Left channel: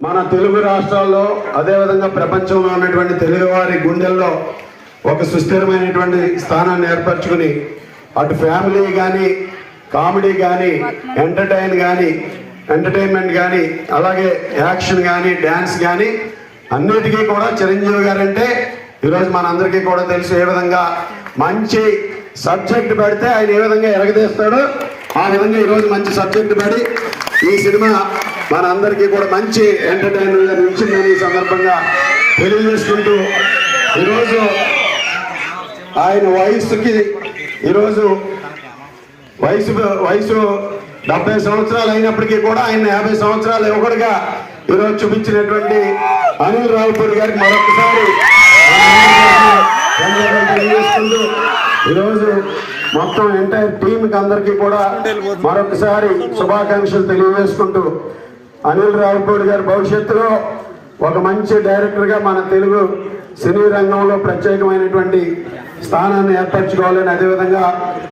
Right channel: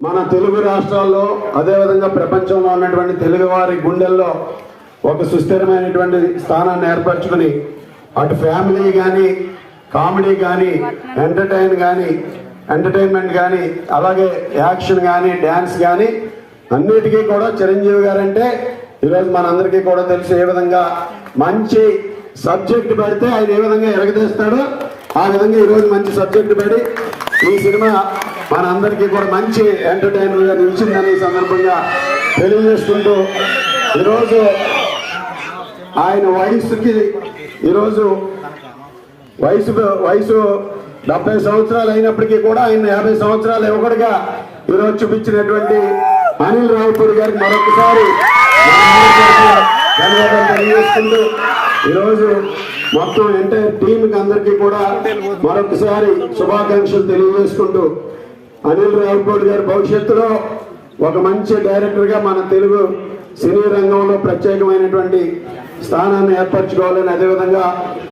మన తెలుగు రాష్ట్రాల్లో అదేవిధంగా ప్రపంచంలో ఉన్నటువంటి తెలుగువారి గుండెల్లో ఒక సుస్థిరమైనటువంటి స్థానాన్ని ఏర్పరచుకుని అటు ఫ్యామిలీ కానీ కామెడీ కానీ ఎంటర్టైన్మెంట్ కానీ అలాగే యాక్షన్ కానీ డ్యాన్స్ కానీ అన్నిటికీ కూడా చిరంజీవి గారు అంటే ఈరోజు మనందరికీ కూడా తెలుసు ఏ విధంగా మంచి సబ్జెక్ట్ పెడితే ఆయన ఏ విధంగా ఎరగదీస్తాడో ఆ విధంగా ఈరోజు మంచి సబ్జెక్ట్ పెడి ఈ సినిమా మన అందరికీ కూడా మంచి ఎంటర్టైనర్గా నిలిచిందని సందర్భంగా తెలియజేసుకుంటూ ఈరోజు ఆయన వయసుకి ఈరోజు వయసు 70 సంవత్సరాలు అయినప్పటికీ కూడా ఆయన 50 సంవత్సరాలు యువకుడిగా ఈరోజు చూపించినటువంటి అనిల్ రావిపూడి గారికి మరొకసారి ధన్యవాదాలు తెలియజేసుకుంటూ ఈరోజు మొత్తం ఎంటైర్ టీంకి అందరికీ కూడా మరొకసారి శుభాకాంక్షలు తెలియజేసుకుంటూ అనిల్ రావిపూడి గారి భవిష్యత్తులో ఒక మంచి డైరెక్టర్గా మన తెలుగు సినీ రంగంలో ప్రత్యేకమైనటువంటి స్థానాన్ని ఏర్పరచుకోవాలని అదేవిధంగా